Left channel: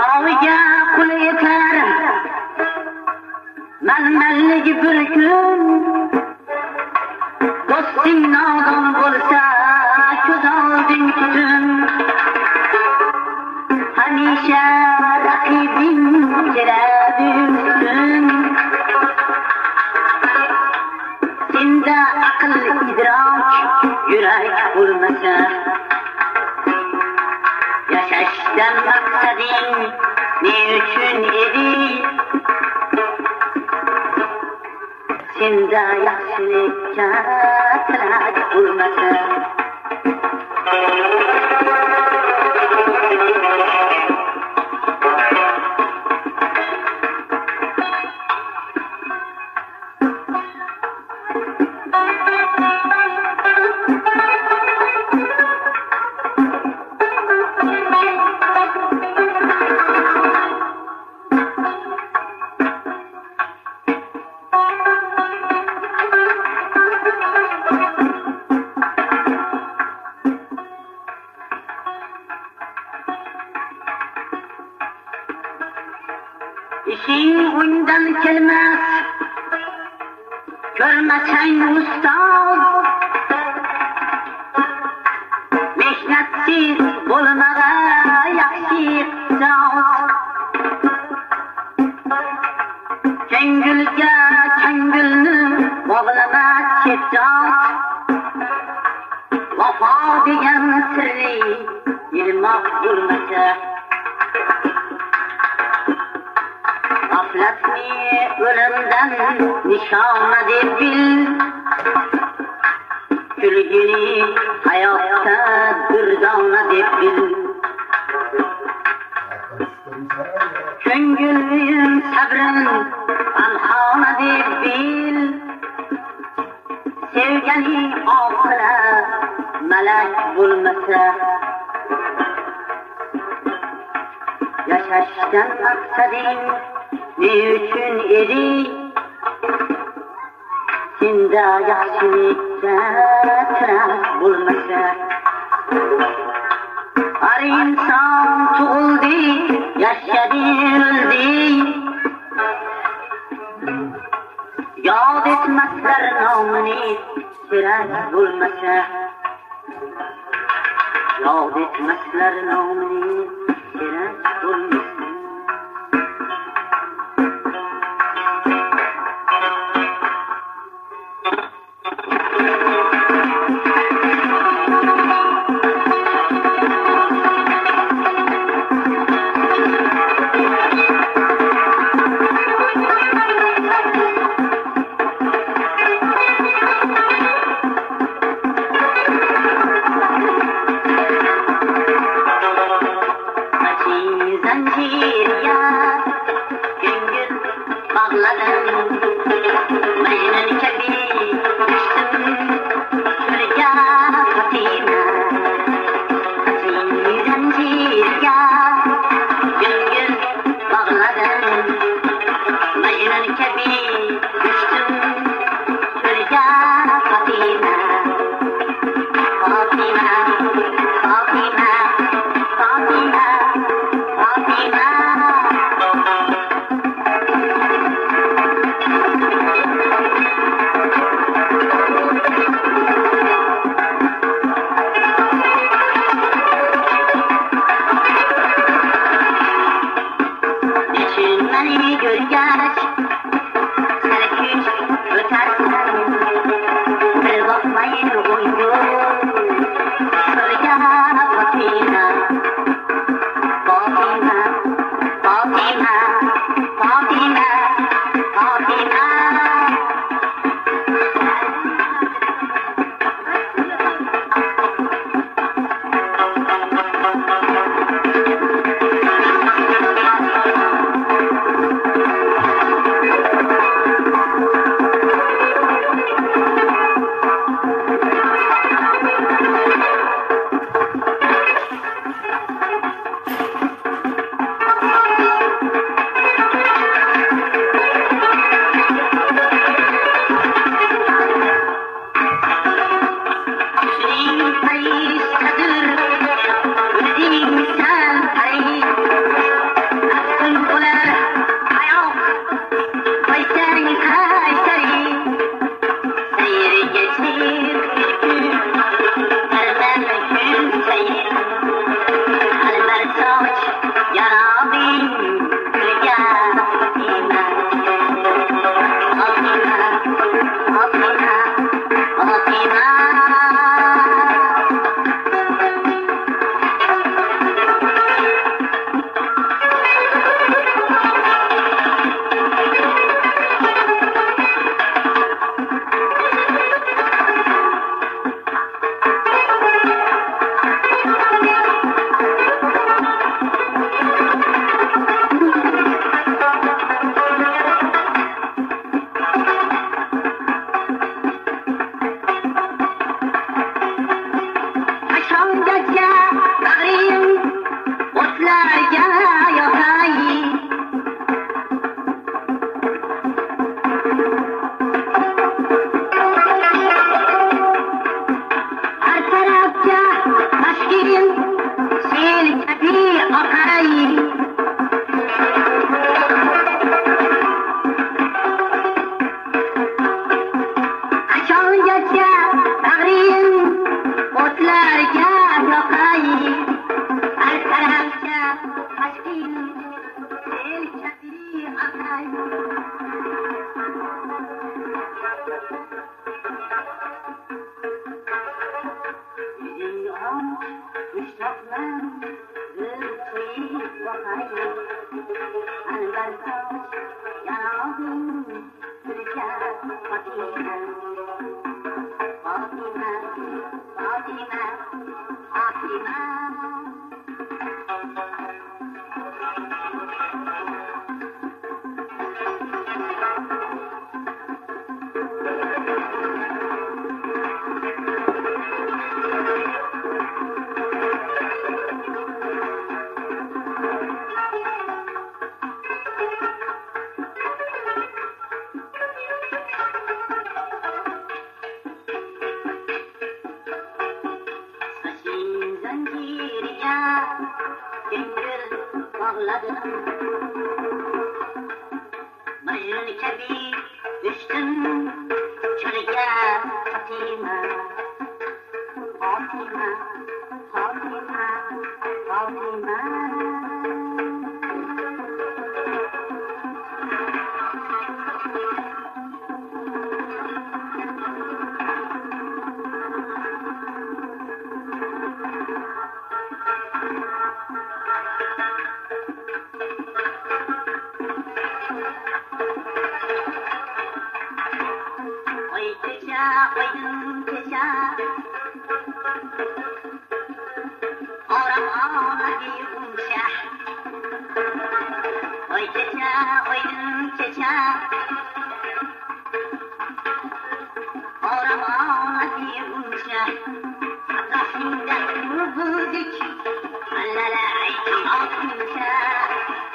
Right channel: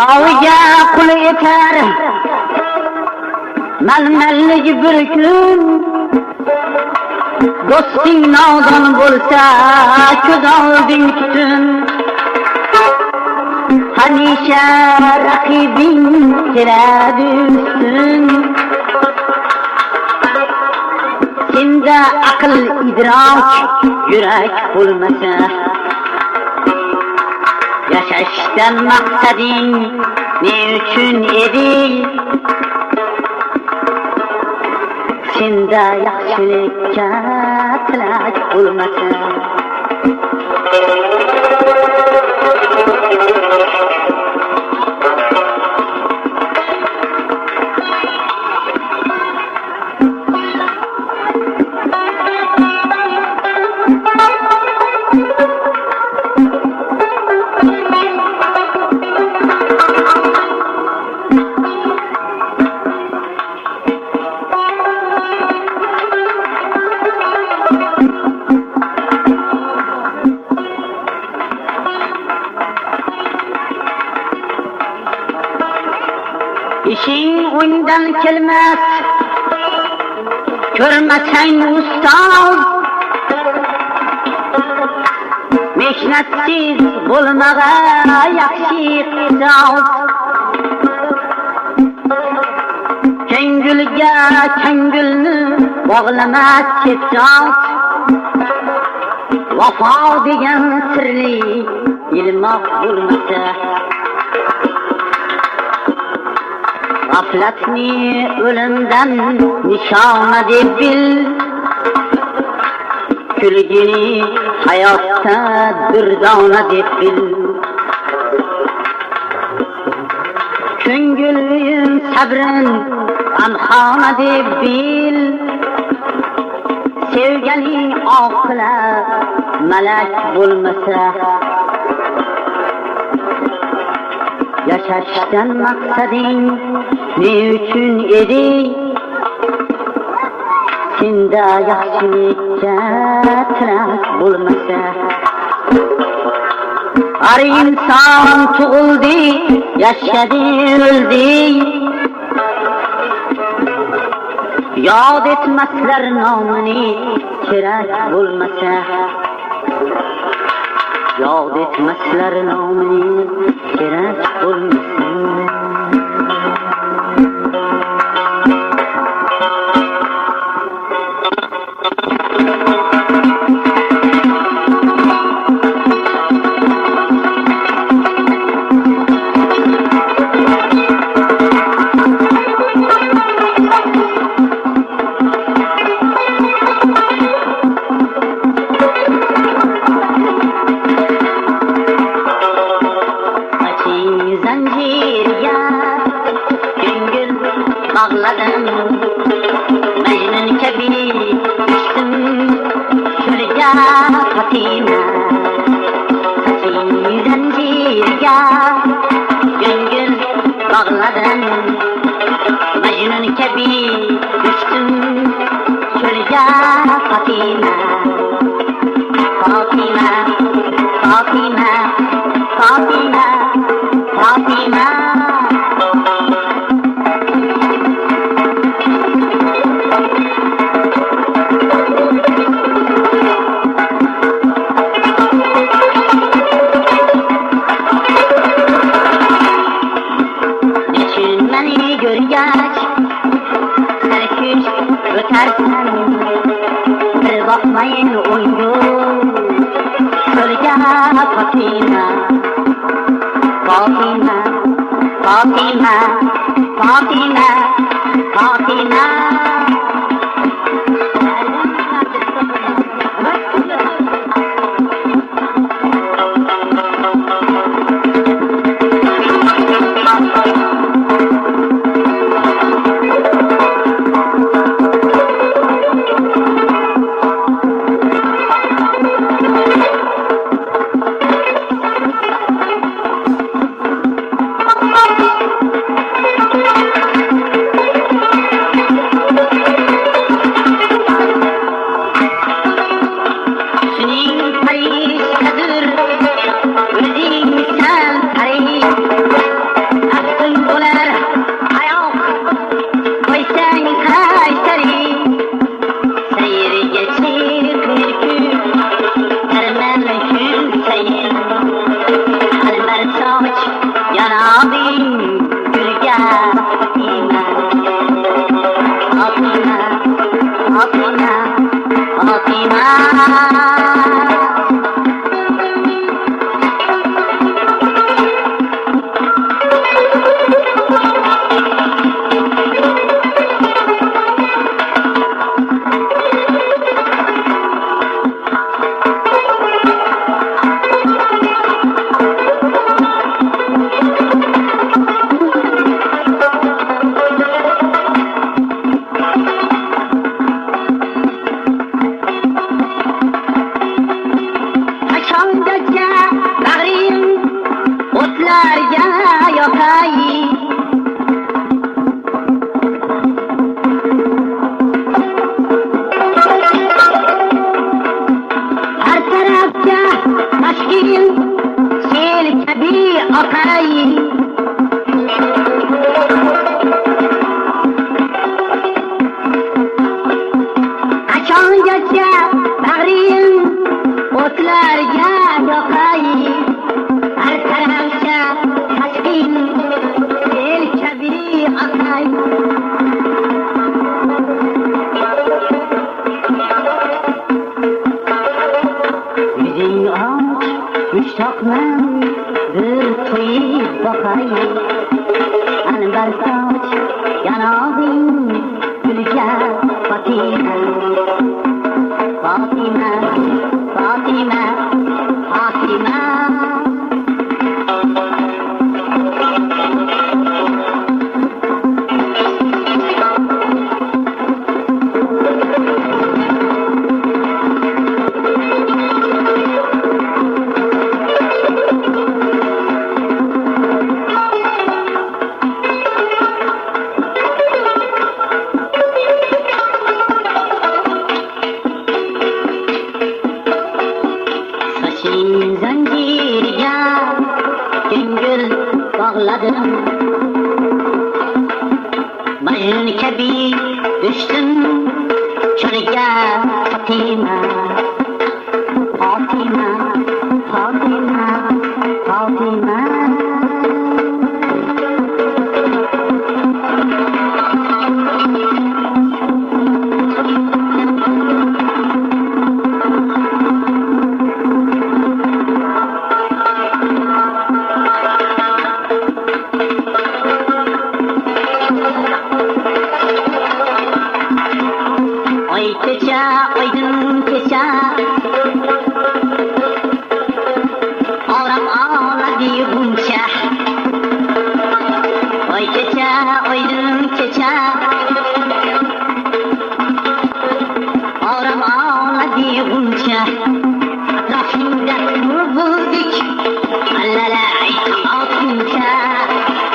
Yaviga qul etar malmallik bir kun. Do'sting nodon bo'lsa ko'z olding tutun. Hamisha raqibing keladi ustun. Senda aql idrok yurak bo'lmasa, yashashdan maqsading ne uchun edi? Senda yaxshilikka tilak bo'lmasa, ishing o'ngdan kelmas, ko'rmasang ustoz. Mehnatsiz bo'lmaga yaxshi iqtisod. Ko'ngilga ko'ngilni bog'lamas ketjot. Vafo degan sirli ilmoq bo'lmasa, g'aflatni o'limdan nishona deb bil. Kulgini hayotda durdona deb bil. Ko'ngilin sabrin g'amxona deb bil. Sevganing oqila malak bo'lmasa, yashashdan maqsading ne uchun edi? Senda yaxshilikka tilak bo'lmasa, har inson tug'ildi, yashadi, o'ldi. Yod etmaslar nomini kerak bo'lmasa, yod etmaslar nomini kerak bo'lmasa. Bağladım Mecnun kabi düştüm şuraya Fatima, Fatim zincirga gönül bağladım. Mecnun kabi düştüm şuraya Fatima, Fatima, Fatima, Fatima, Fatima. Görgəç, sərküç, ötərsən, bir baxmayın oyun. Sölgə Fatima, Fatima, Fatima, Fatima, Fatima. qarg'amcha bag'ring o'tlarga yoqay, har tarafga tashqin el kabi oqay. Yuzing och mushtoqman bir to'yib boqay, anbar soch yanog'ing gulga Fatima, Fatima, Fatima, Fatima. Zanjirga ko'ngil bog'ladim, Majnun kabi düştüm cho'lga Fatima, Fatima, Fatima, Fatima. Kecha, oydin kecha, oram oladi buncha. Oy kecha, oydin kecha, oram oladi buncha. Atrofingda bulbuldek, allalay tomoquncha,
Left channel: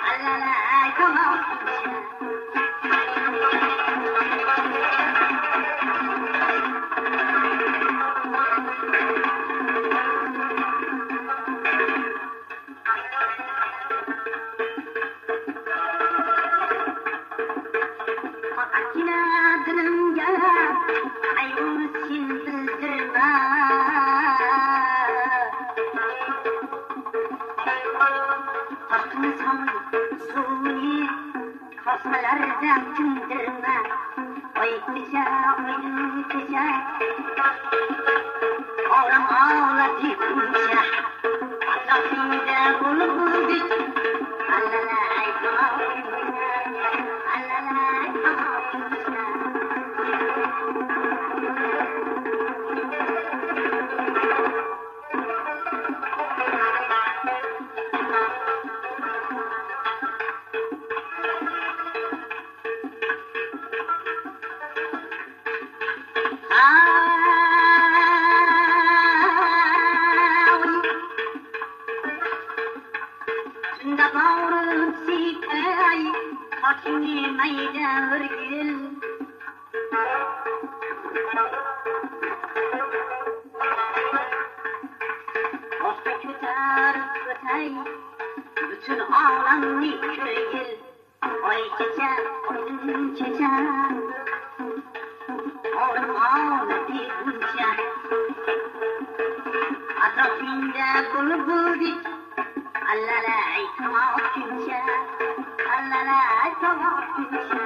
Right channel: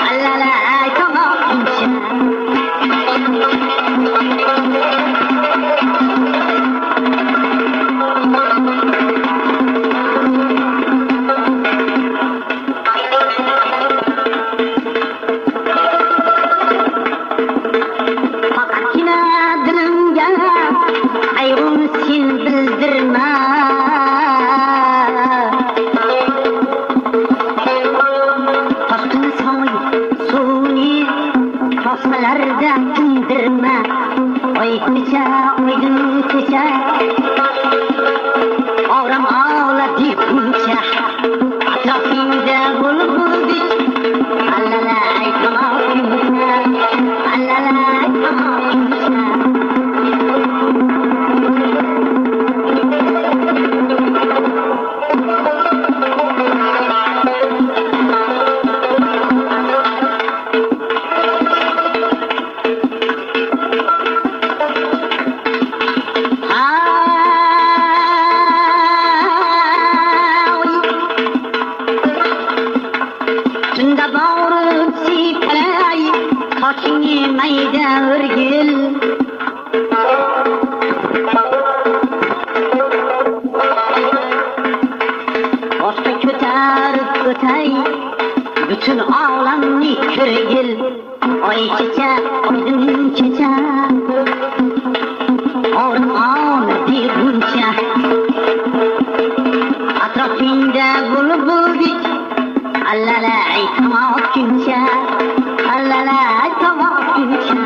allalay tomoquncha. Tosmalarda tindirma, oy kecha, oydin kecha, oram oladi buncha. Atrofingda bulbuldek, allalay tomoquncha, allalay tomoquncha. Tunda bağırıp sipelay, saçını mayda örgül. Boshqa ko'tarib o'tay, bütün olamni ko'rgil. Oy kecha, oydin kecha, oram oladi buncha. Atrofingda bulbuldek, allalay tomoquncha, allalay tomoquncha.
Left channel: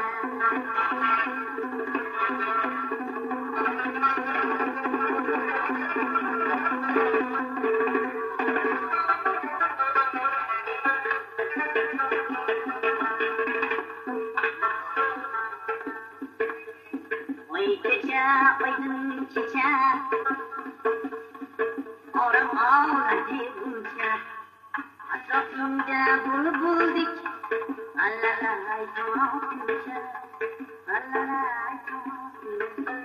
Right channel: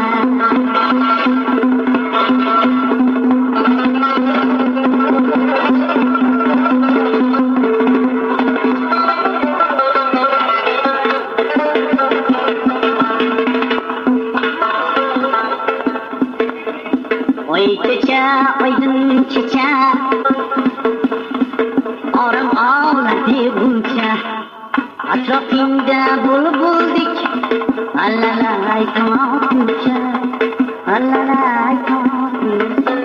Oy kecha, oydin kecha, oram oladi buncha. Atrofingda bulbuldek, allalay tomoquncha, allalay tomoquncha.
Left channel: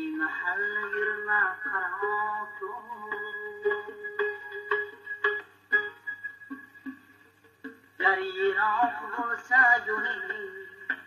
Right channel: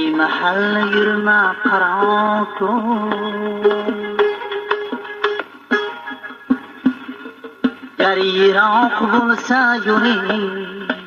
ey mahal yurma qaro kun گر ایراق bo'lsa yo'ling